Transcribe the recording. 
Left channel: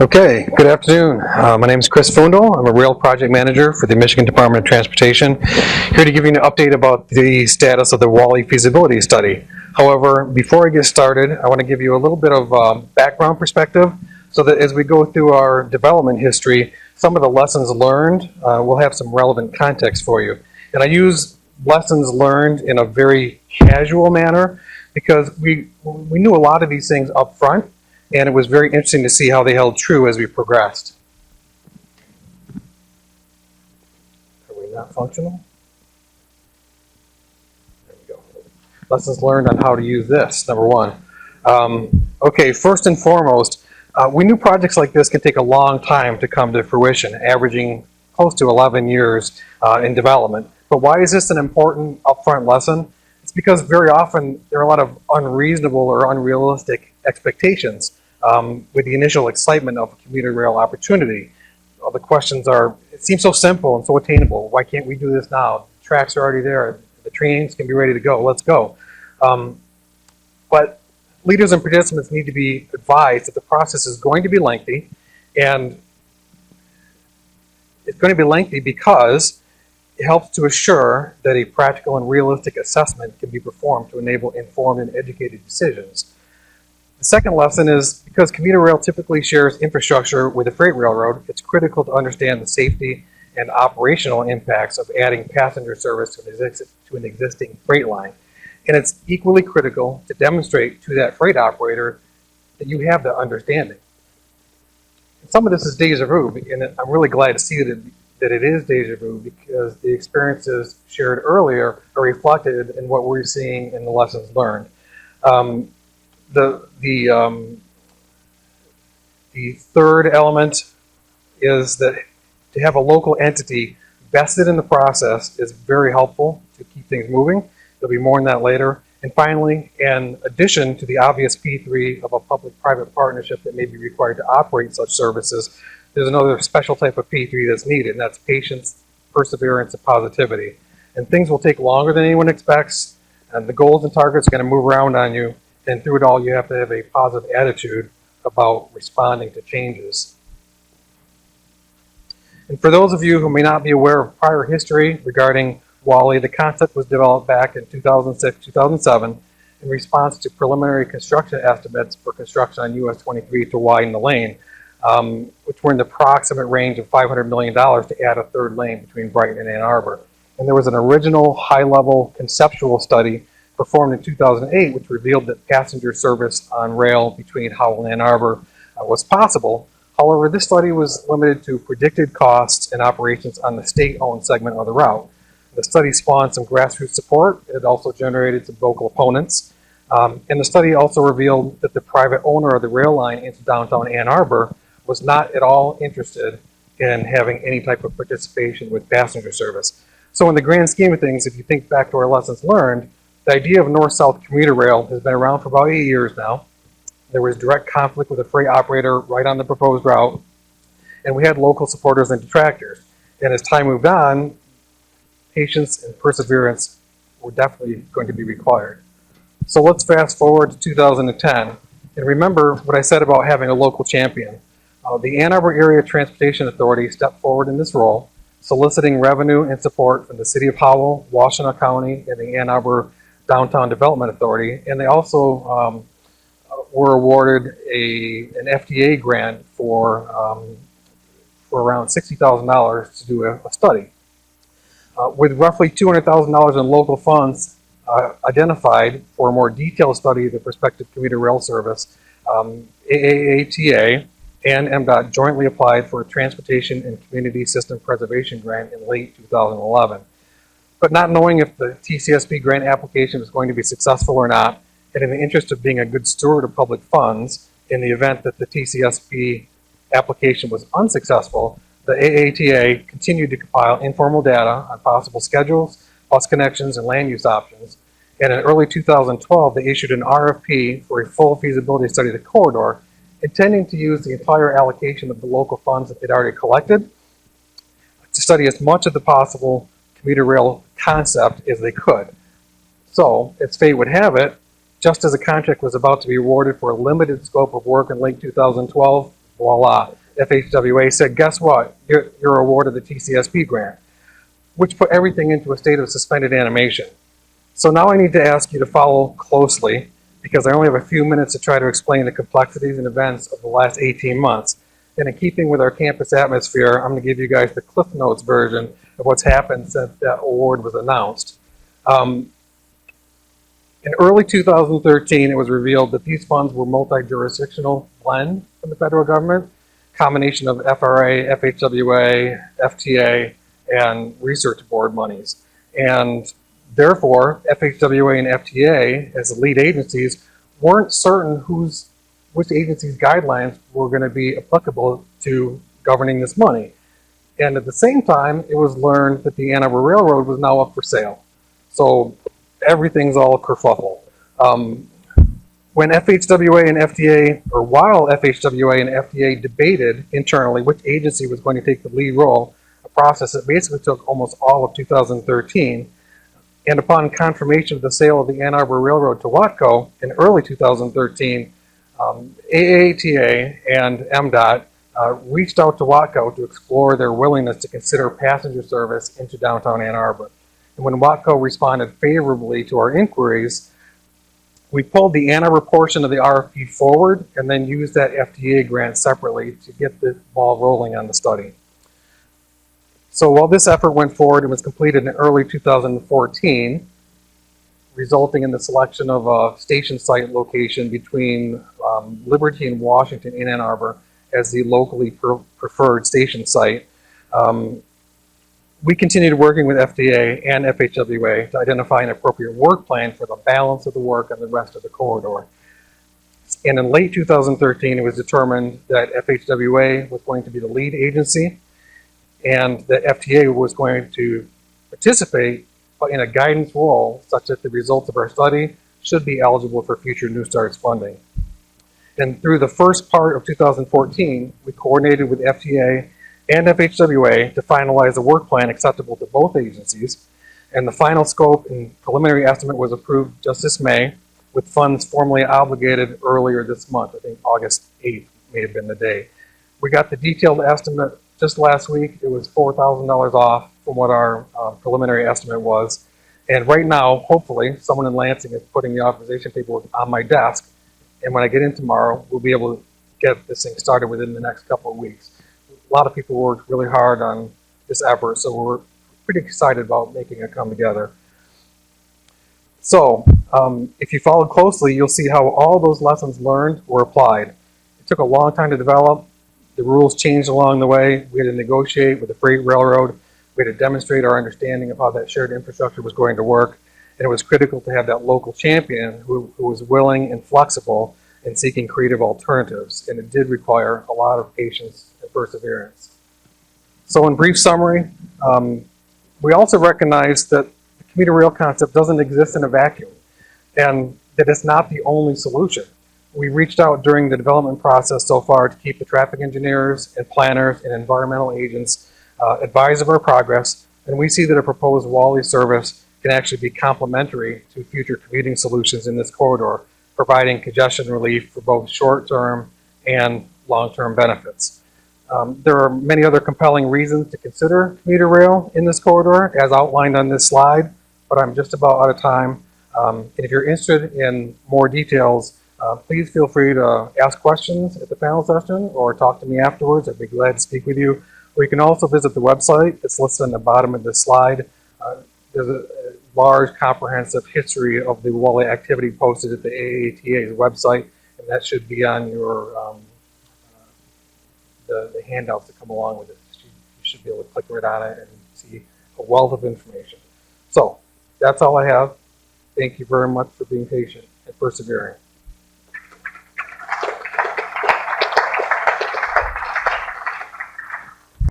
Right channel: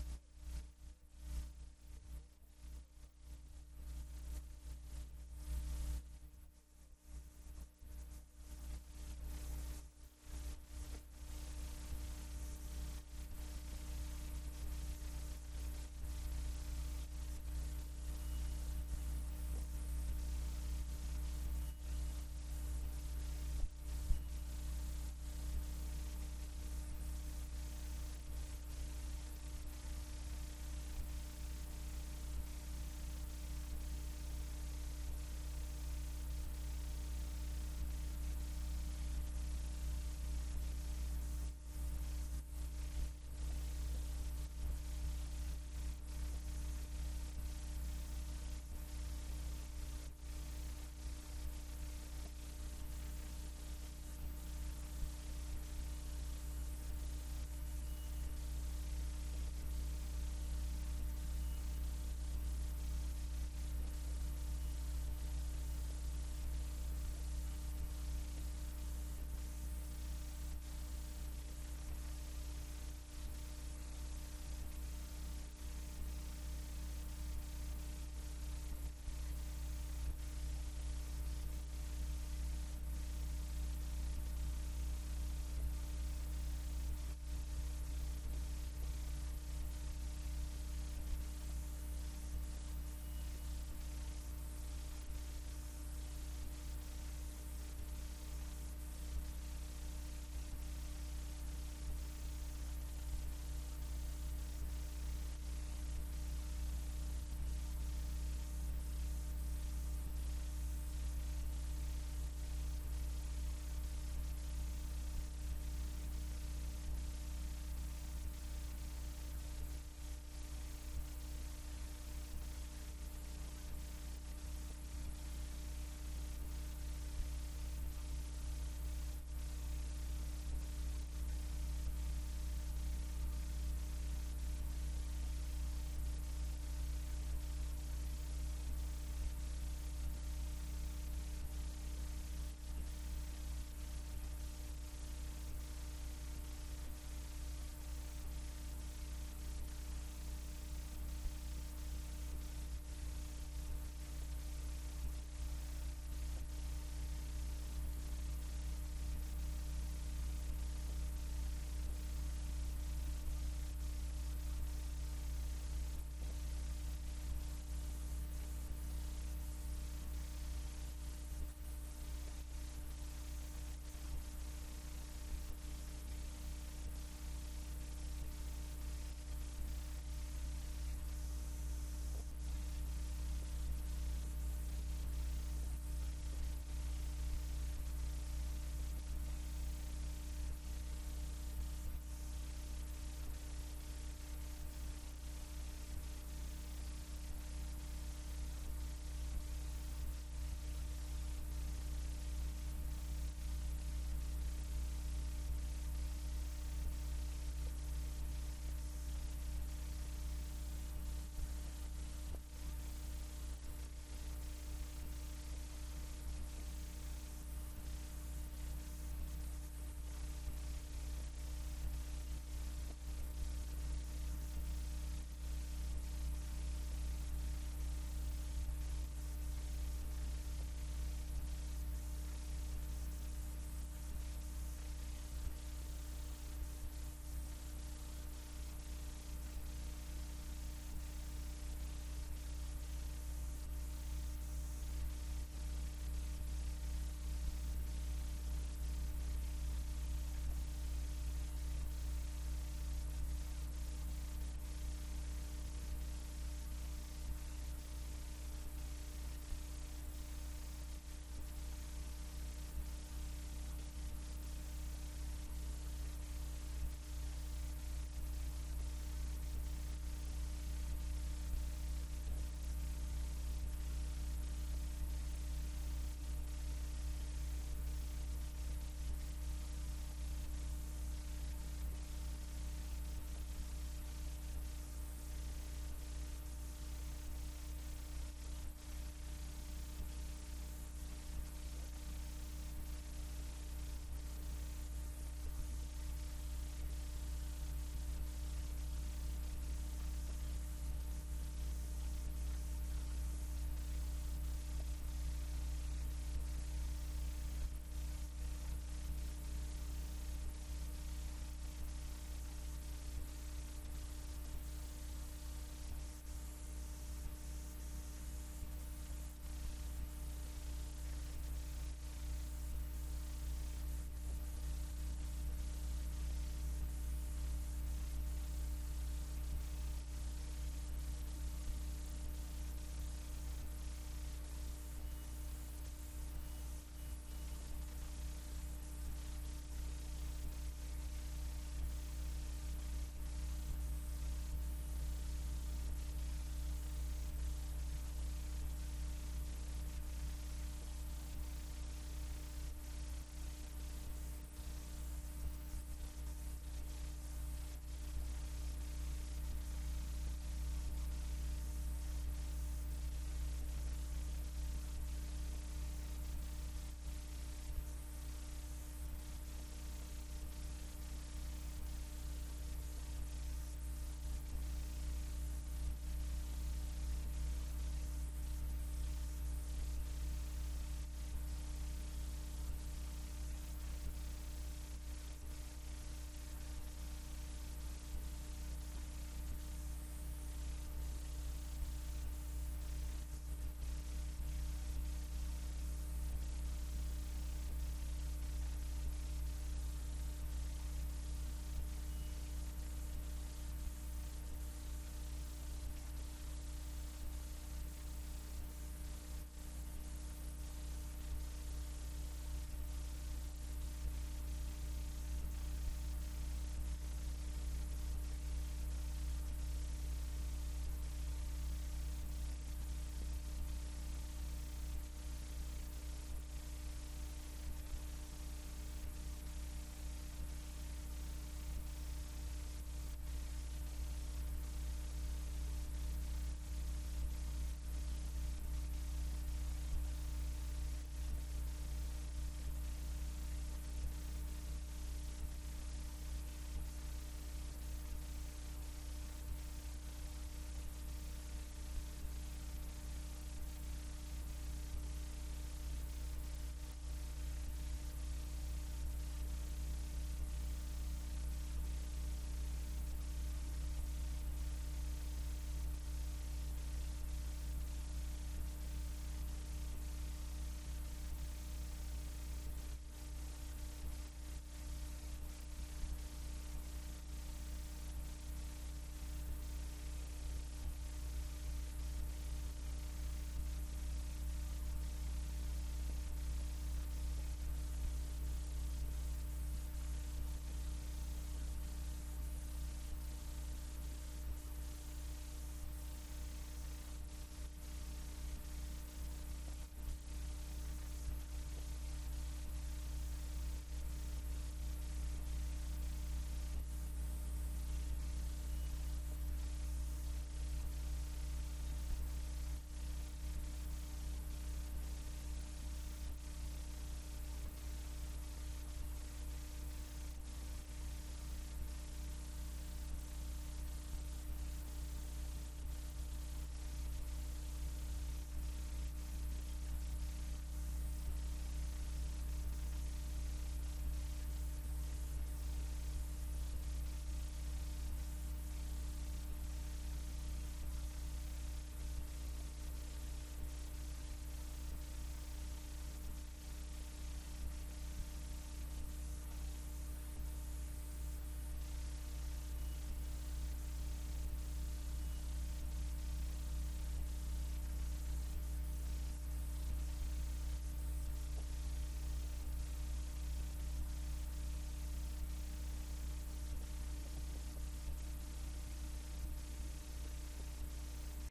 Okay, good afternoon. My name is Chris Foondle. I'm a rail project manager for the Michigan Department of Transportation. Here to give you an update about the status of the WALLY feasibility study. However, before I get started, I want to give you a little bit of background perspective so that as we go through our development history, some of the lessons learned will have some relevant context for you. And I use lessons learned in a very casual manner because we knew a lot of these things up front, and it was very interesting to see how they held true as we progressed. Are we not functional? There we go. Lessons learned on how to use this, number one. Okay, first and foremost, we knew projects like this can take a long time to come to fruition, averaging close to 11 years in development. But why is this an important upfront lesson? It's because very often there are a lot of unreasonable or unrealistic expectations with the initial excitement of a commuter rail opportunity. Well, the questions are, it seems so simple and so attainable. Why can't we do this now? The tracks are already there. The trains can be ready to go. Let's go. But leaders and participants need to be advised that the process is going to be lengthy, and it's going to be lengthy because it helps to assure that a practical and realistic assessment can be performed to enable informed and educated decisions. The second lesson is because commuter rail typically shares infrastructure with a freight railroad, it's critical to understand the safety and operational impacts of adding passenger service to an existing freight line. And it's equally critical to demonstrate to that freight operator that you have that understanding. Some of this is deja vu, and I'm really glad to see that it is deja vu because the experiences shared earlier are reflected in what we're seeing in the lessons learned. The third element is that to have a local entity vested in the process is very helpful to keep things moving. There'll be more on that later. And finally, in addition to the obvious P3 of a public-private partnership that may be required to operate such services, there's another special type of P3 that's needed, and that's patience, perseverance, and positivity. And things will take longer than anyone expects, and the goals and targets are going to move around on you, and through it all, you have to have a positive attitude about responding to changes. And for those of you who may not be aware of prior history regarding WALLY, the concept was developed back in 2006-2007 in response to preliminary construction estimates for construction on US 23 to widen the lane, which were in the approximate range of $500 million to add a third lane between Brighton and Ann Arbor. And there was an original high-level conceptual study performed in 2008, which revealed that passenger service on rail between Howell and Ann Arbor was possible. However, this study was limited to predicted costs and operations on the state-owned segment of the route. The study spawned some grassroots support. It also generated some vocal opponents. And the study also revealed that the private owner of the rail line into downtown Ann Arbor was not at all interested in having any type of participation with passenger service. So in the grand scheme of things, if you think back to our lessons learned, the idea of north-south commuter rail has been around for about 8 years now. There was direct conflict with a freight operator right on the proposed route, and we had local supporters and detractors. And as time moved on, patience and perseverance were definitely going to be required. So let's fast forward to 2010, and remember what I said about having a local champion. The Ann Arbor Area Transportation Authority stepped forward in this role, soliciting revenue and support from the City of Howell, Washtenaw County, and the Ann Arbor Downtown Development Authority, and they also were awarded an FDA grant for around $60,000 to do a study. With roughly $200,000 in local funds identified for a more detailed study of the prospective commuter rail service, AATA and MDOT jointly applied for a Transportation and Community System Preservation Grant in late 2011. But not knowing if the TCSP grant application was going to be successful or not, and in the interest of being a good steward of public funds, in the event that the TCSP application was unsuccessful, the AATA continued to compile informal data on possible schedules, bus connections, and land use options. And in early 2012, they issued an RFP for a full feasibility study of the corridor, intending to use the entire allocation of the local funds that they'd already collected to study as much of the possible commuter rail concept as they could. So, as fate would have it, just as the contract was about to be awarded for a limited scope of work in late 2012, voila, FHWA said, guess what? You're awarded the TCSP grant, which put everything into a state of suspended animation. So now I need to ask you to follow closely, because I only have a few minutes to try to explain the complexities and events of the last 18 months. And in keeping with our campus atmosphere, I'm going to give you guys the Cliff Notes version of what's happened since that award was announced. In early 2013, it was revealed that these funds were multi-jurisdictional blend from the federal government, combination of FRA, FHWA, FTA, and research board monies. And therefore, FHWA and FTA, as the lead agencies, weren't certain which agency's guidelines were going to be applicable to governing this money. And at the same time, it was learned that the Ann Arbor Railroad was now up for sale. So everything's all kerfuffle. When FHWA and FTA, or while FHWA and FTA debated internally which agency was going to take the lead role, a process that basically took almost all of 2013, and upon confirmation of the sale of the Ann Arbor Railroad to Watco in early 2013, AATA and MDOT reached out to Watco to explore their willingness to consider passenger service into downtown Ann Arbor. And when Watco responded favorably to our inquiries, we pulled the Ann Arbor portion of the RFP forward and then used that FTA grant separately to get the ball rolling on the study. So while this effort went forward and was completed in early 2014, resulting in the selection of a station site location between Liberty and Washington in Ann Arbor as the locally preferred station site, we continued working with FDA and FHWA to identify an appropriate work plan for the balance of the work on the rest of the corridor. And in late 2013, it was determined that FHWA was going to be the lead agency and that FTA was going to participate in a guidance role such that the results of our study should be eligible for future New Starts funding. And through the first part of 2014, we coordinated with FTA and FHWA to finalize a work plan acceptable to both agencies. And the final scope and preliminary estimate was approved just this May, with funds formally obligated earlier this month. I think August 8th may have been the day. We got the detailed estimate just last week. It was $4,000 off from what our preliminary estimate was. And right now, hopefully, someone in Lansing is putting the authorization paperwork on my desk. And when I get in tomorrow, we'll be able to get this thing started within the next couple of weeks. A lot of people worked really hard on this effort, so we're pretty excited about making it come together. So, if you followed closely, you'll see how all those lessons learned were applied. It took a long time to develop. The rules changed along the way. We had to negotiate with the freight railroad. We had to demonstrate our understanding of how that shared infrastructure was going to work. And it was critical to have that local champion who was willing and flexible in seeking creative alternatives. And it did require a lot of patience and perseverance. So in brief summary, we also recognize that the commuter rail concept doesn't exist in a vacuum and that it's not the only solution. We reached out during the development process so far to keep the traffic engineers and planners and environmental agents advised of our progress, and we see that a proposed WALLY service can actually be complementary to future commuting solutions in this corridor, providing congestion relief for both short-term and long-term benefits. There are many other compelling reasons to consider commuter rail in this corridor, as outlined on this slide, but I'm just about out of time. And if you're interested in more details, please feel free to ask questions at the panel session or talk to me afterwards. I'd be glad to speak with you. Or you can also visit the website. It's listed on the bottom of this slide. There's a large comprehensive history of the WALLY activity posted at the AATA's website, and that should be on your the handouts that come along with it. You should be able to click right on it and see a wealth of information. So that's all I have. Thank you very much for being patient and persevering.